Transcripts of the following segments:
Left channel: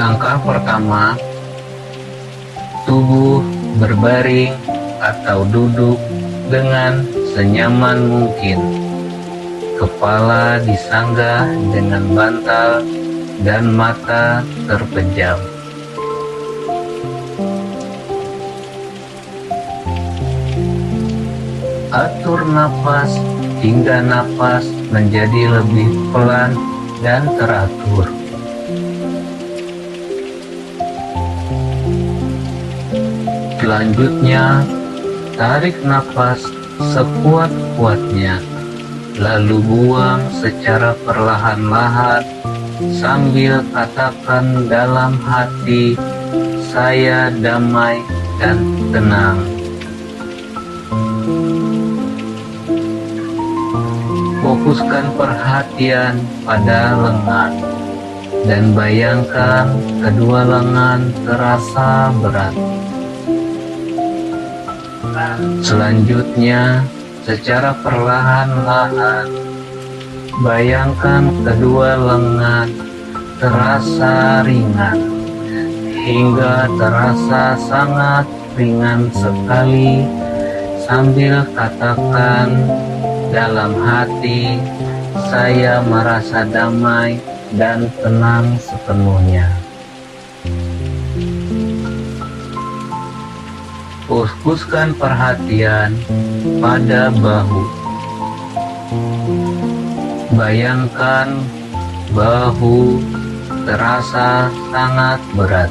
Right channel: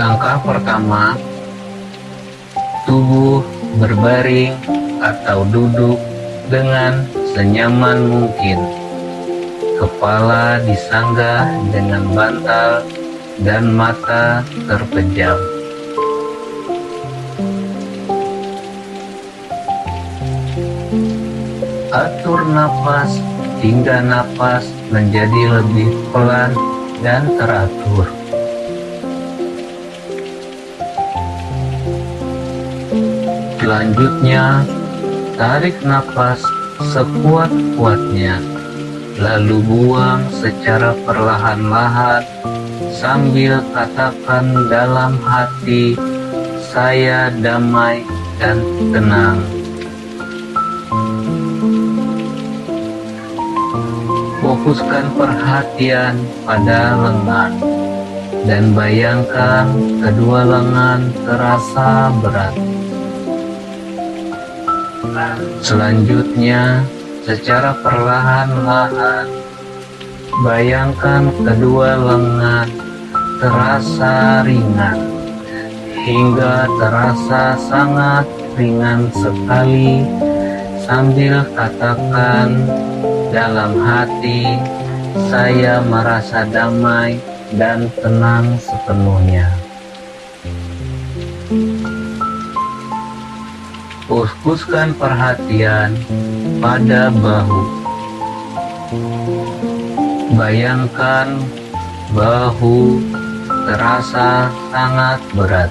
Langkah pertama, tubuh berbaring atau duduk dengan senyaman mungkin. Kepala disanggah dengan bantal dan mata terpejam. Atur napas hingga napas menjadi lebih pelan dan teratur. Selanjutnya, tarik napas sekuat-kuatnya, lalu buang secara perlahan-lahan sambil katakan dalam hati, "Saya damai dan tenang." Fokuskan perhatian pada lengan dan bayangkan kedua lengan terasa berat. Selanjutnya, secara perlahan-lahan, bayangkan kedua lengan terasa ringan, hingga terasa sangat ringan sekali, sambil katakan dalam hati, "Saya merasa damai dan tenang sepenuhnya." Fokuskan perhatian pada bahu. Bayangkan bahu terasa sangat berat.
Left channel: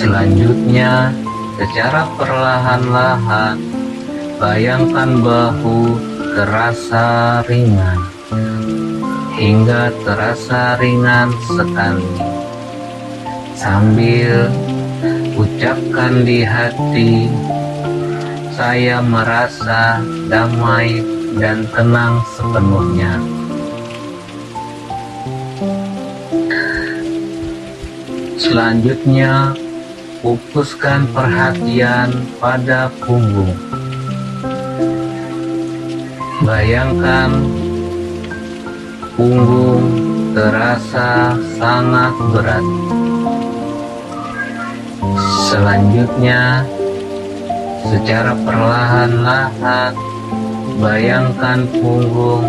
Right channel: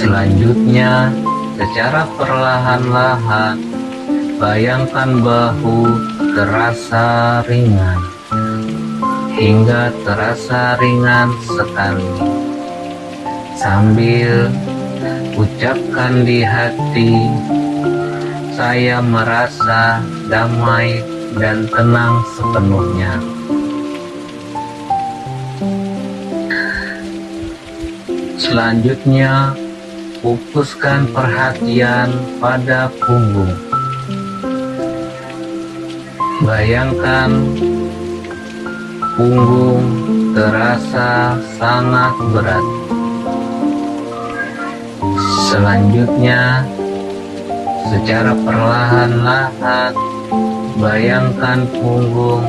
Selanjutnya, secara perlahan-lahan, bayangkan bahu terasa ringan, hingga terasa ringan sekali, sambil ucapkan di hati, "Saya merasa damai dan tenang sepenuhnya." Selanjutnya, fokuskan perhatian pada punggung. Bayangkan punggung terasa sangat berat. Selanjutnya, secara perlahan-lahan, bayangkan punggung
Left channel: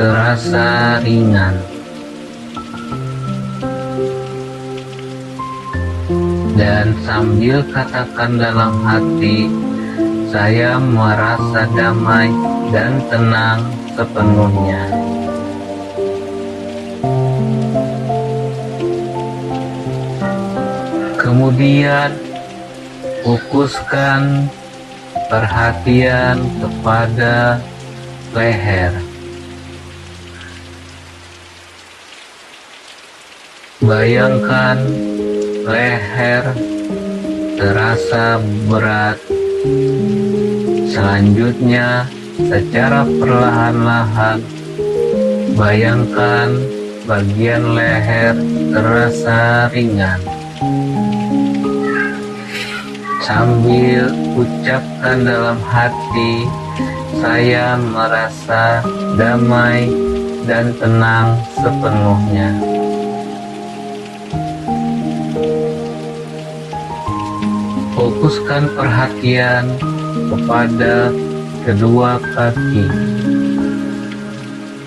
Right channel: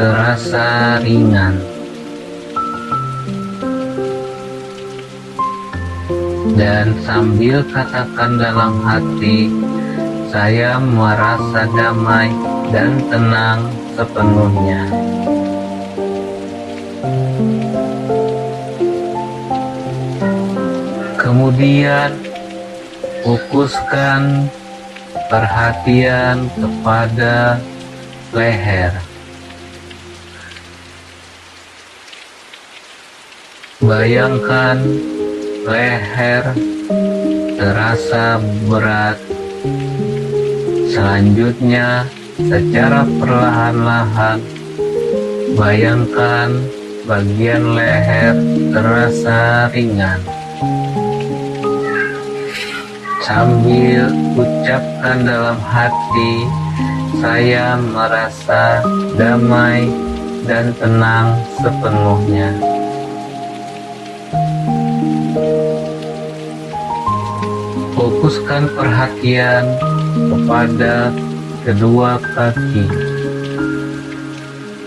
terasa ringan. Dan sambil katakan dalam hati, "Saya merasa damai dan tenang sepenuhnya." Kemudian, fokuskan perhatian kepada leher. Bayangkan leher terasa berat. Selanjutnya, secara perlahan-lahan, bayangkan bagian leher terasa ringan, sambil ucapkan dalam hati, "Saya merasa damai dan tenang sepenuhnya." Fokuskan perhatian kepada kedua kaki.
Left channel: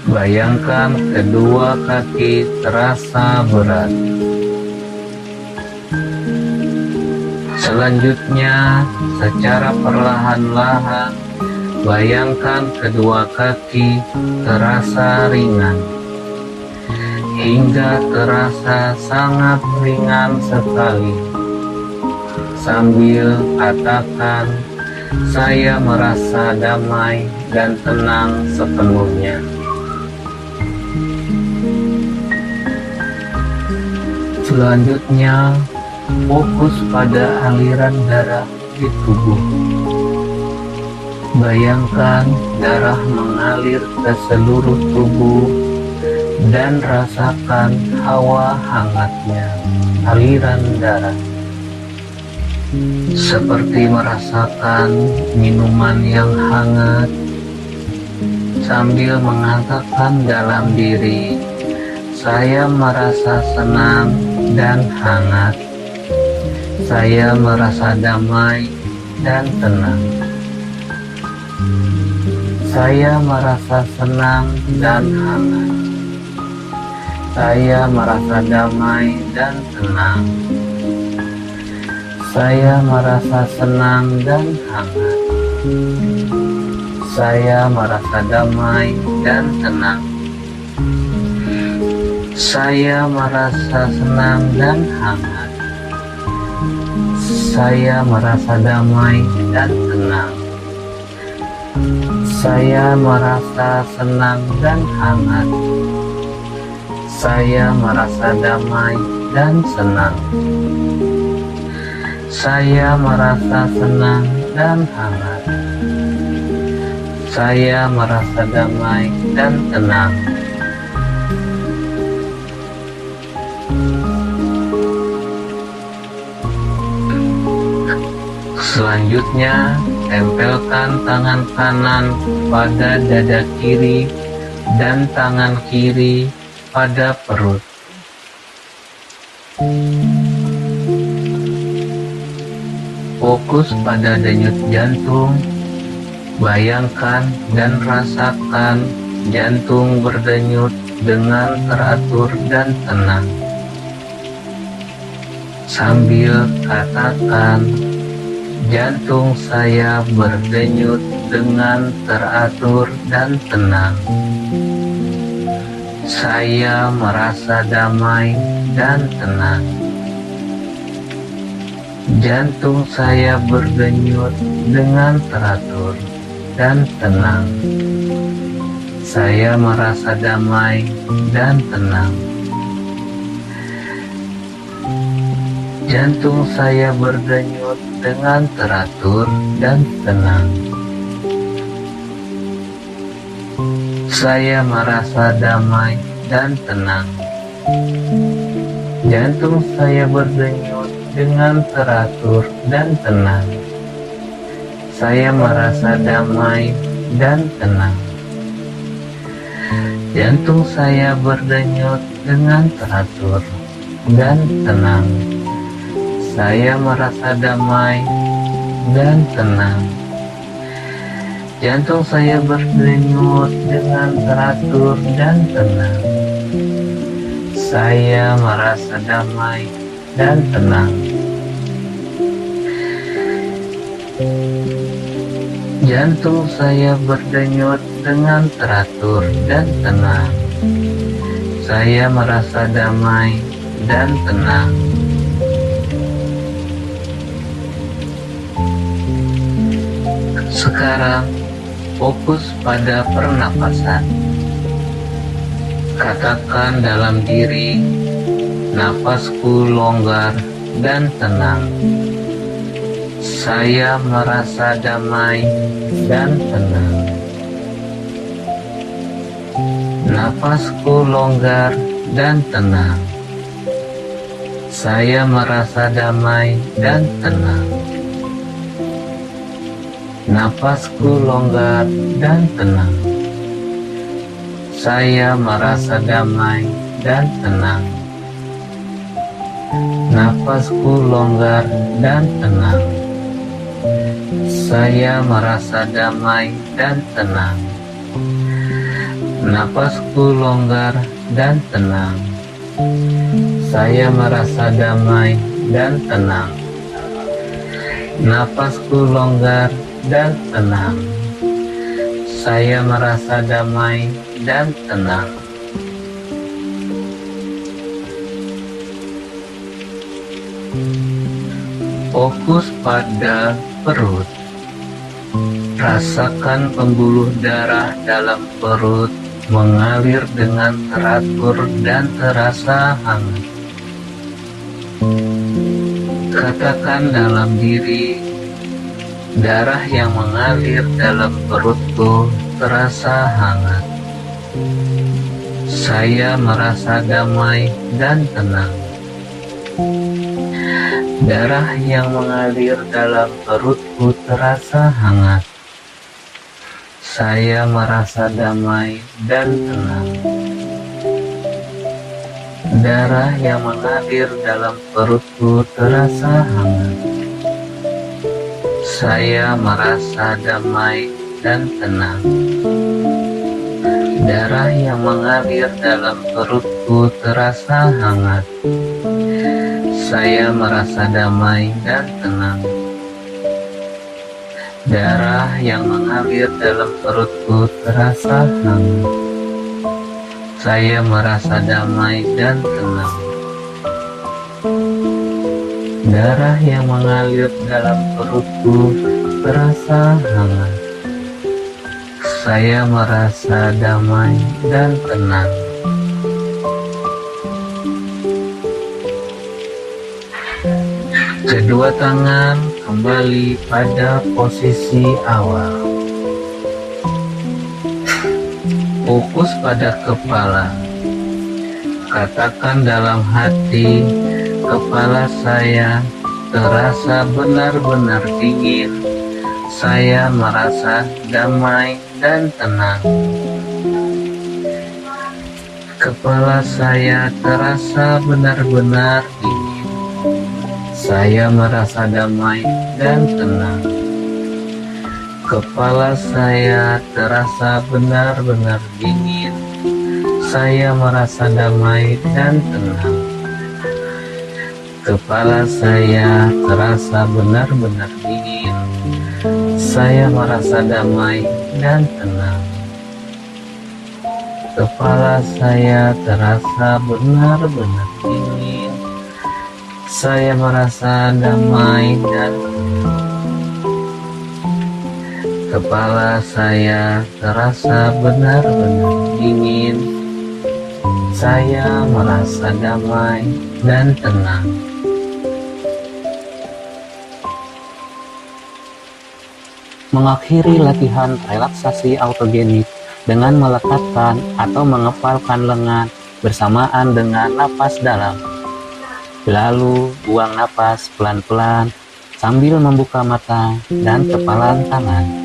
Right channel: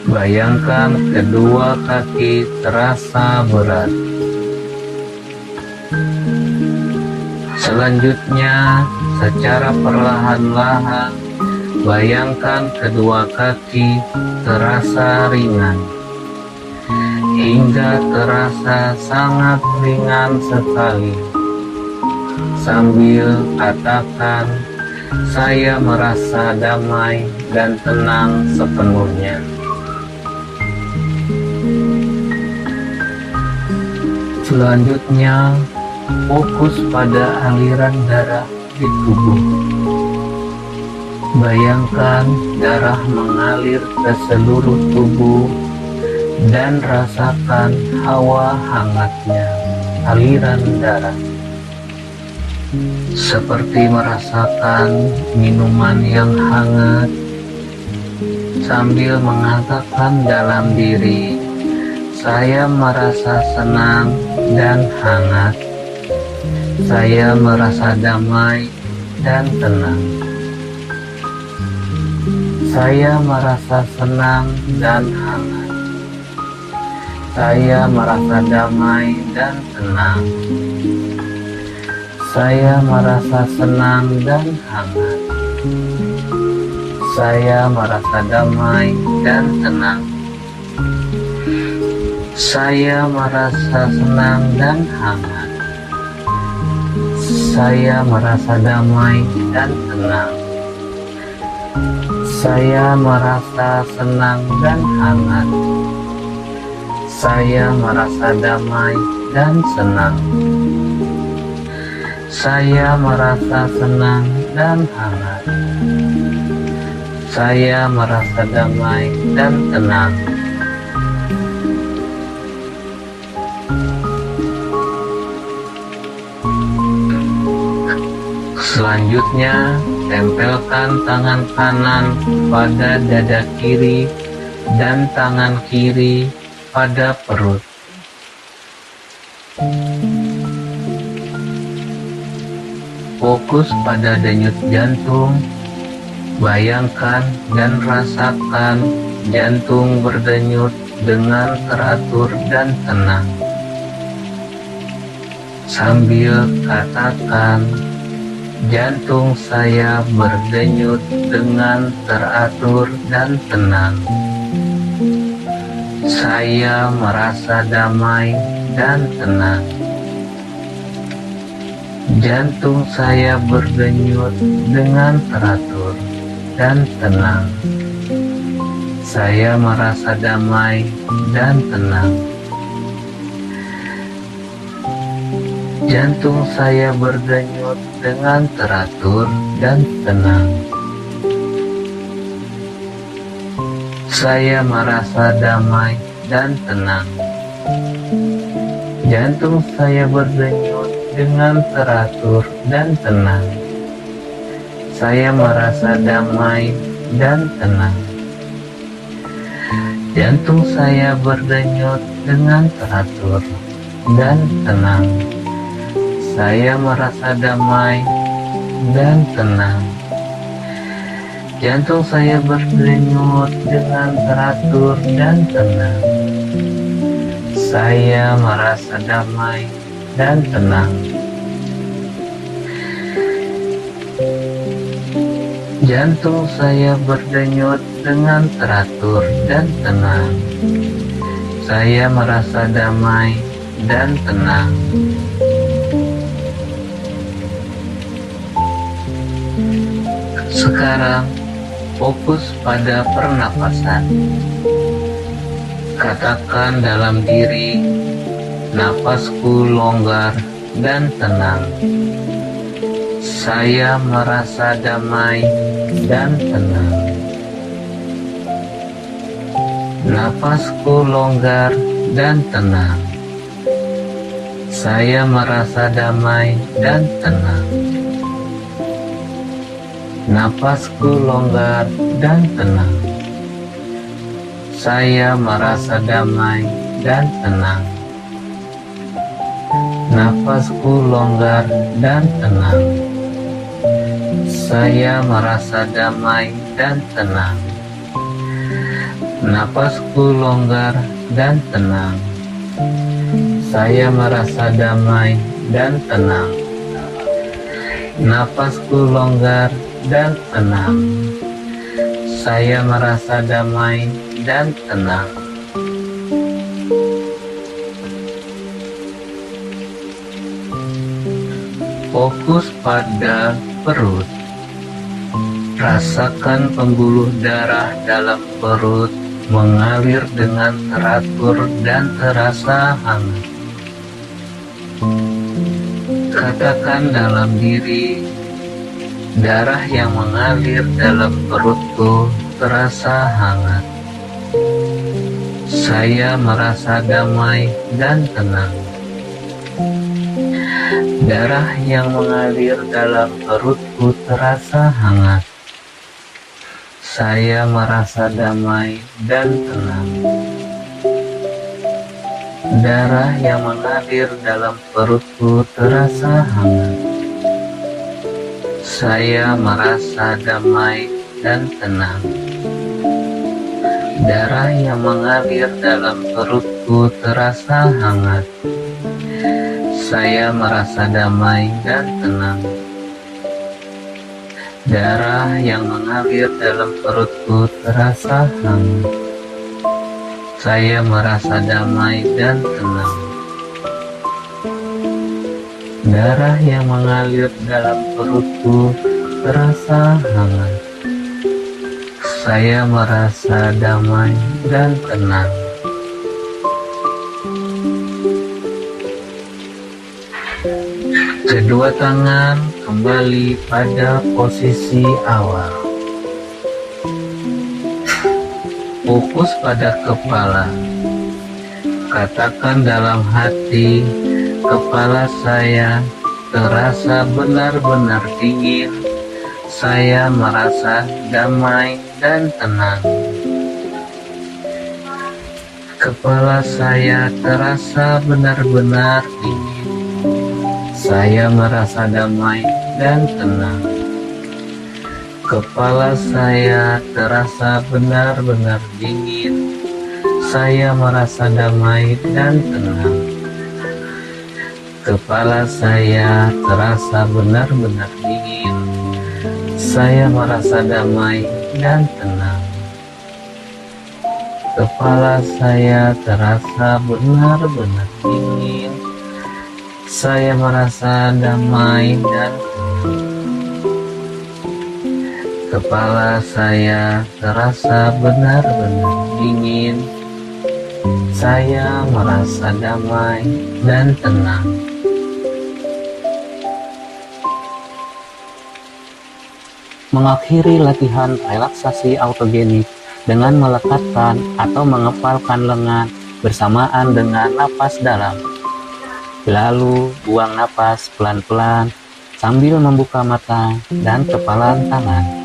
Bayangkan kedua kaki terasa berat. Selanjutnya, secara perlahan-lahan, bayangkan kedua kaki terasa ringan, hingga terasa sangat ringan sekali, sambil katakan, "Saya merasa damai dan tenang sepenuhnya." Selanjutnya, fokus pada aliran darah di tubuh. Bayangkan darah mengalir ke seluruh tubuh dan rasakan hawa hangatnya aliran darah. Seperti merasakan minuman yang hangat, sambil mengatakan dalam diri, Saya merasa senang dan hangat. Saya merasa damai dan tenang. Saya merasa senang dan hangat. Saya merasa damai dan tenang. Saya merasa senang dan hangat. Saya merasa damai dan tenang. Saya merasa senang dan hangat. Saya merasa damai dan tenang. Saya merasa senang dan hangat. Saya merasa damai dan senang. Saya merasa senang dan hangat. Saya merasa damai dan tenang. Selanjutnya, tempelkan tangan kanan pada dada kiri dan tangan kiri pada perut. Fokus pada denyut jantung. Bayangkan dan rasakan jantung berdenyut dengan teratur dan tenang. Sambil katakan, jantung saya berdenyut dengan teratur dan tenang. Saya merasa damai dan tenang. Jantung saya berdenyut dengan teratur dan tenang. Saya merasa damai dan tenang. Jantung saya berdenyut dengan teratur dan tenang. Saya merasa damai dan tenang. Jantung saya berdenyut dengan teratur dan tenang. Saya merasa damai dan tenang. Jantung saya berdenyut dengan teratur dan tenang. Saya merasa damai dan tenang. Jantung saya berdenyut dengan teratur dan tenang. Saya merasa damai dan tenang. Jantung saya berdenyut dengan teratur dan tenang. Saya merasa damai dan tenang. Sekarang fokus pada pernapasan. Katakan dalam diri, napasku longgar dan tenang. Saya merasa damai dan tenang. Napasku longgar dan tenang. Saya merasa damai dan tenang. Napasku longgar dan tenang. Saya merasa damai dan tenang. Napasku longgar dan tenang. Saya merasa damai dan tenang. Napasku longgar dan tenang. Saya merasa damai dan tenang. Napasku longgar dan tenang. Saya merasa damai dan tenang. Fokus pada perut. Rasakan pembuluh darah dalam perut mengalir dengan teratur dan terasa hangat. Katakan dalam diri, darah yang mengalir dalam perutku terasa hangat. Saya merasa damai dan tenang. Darah yang mengalir dalam perutku terasa hangat. Saya merasa damai dan tenang. Darah yang mengalir dalam perutku terasa hangat. Saya merasa damai dan tenang. Darah yang mengalir dalam perutku terasa hangat. Saya merasa damai dan tenang. Darah yang mengalir dalam perutku terasa hangat. Saya merasa damai dan tenang. Darah yang mengalir dalam perutku terasa hangat. Saya merasa damai dan tenang. Kedua tangan kembali pada posisi awal. Fokus pada kepala. Katakan dalam hati, kepala saya terasa benar-benar dingin. Saya merasa damai dan tenang. Kepala saya terasa benar-benar dingin. Saya merasa damai dan tenang. Kepala saya terasa benar-benar dingin. Saya merasa damai dan tenang. Kepala saya terasa benar-benar dingin. Saya merasa damai dan tenang. Kepala saya terasa benar-benar dingin. Saya merasa damai dan tenang. Kepala saya terasa benar-benar dingin. Saya merasa damai dan tenang. Mengakhiri latihan relaksasi autogenik dengan meletakkan atau mengepalkan lengan bersamaan dengan napas dalam. Lalu buang napas pelan-pelan sambil membuka mata dan kepalan tangan.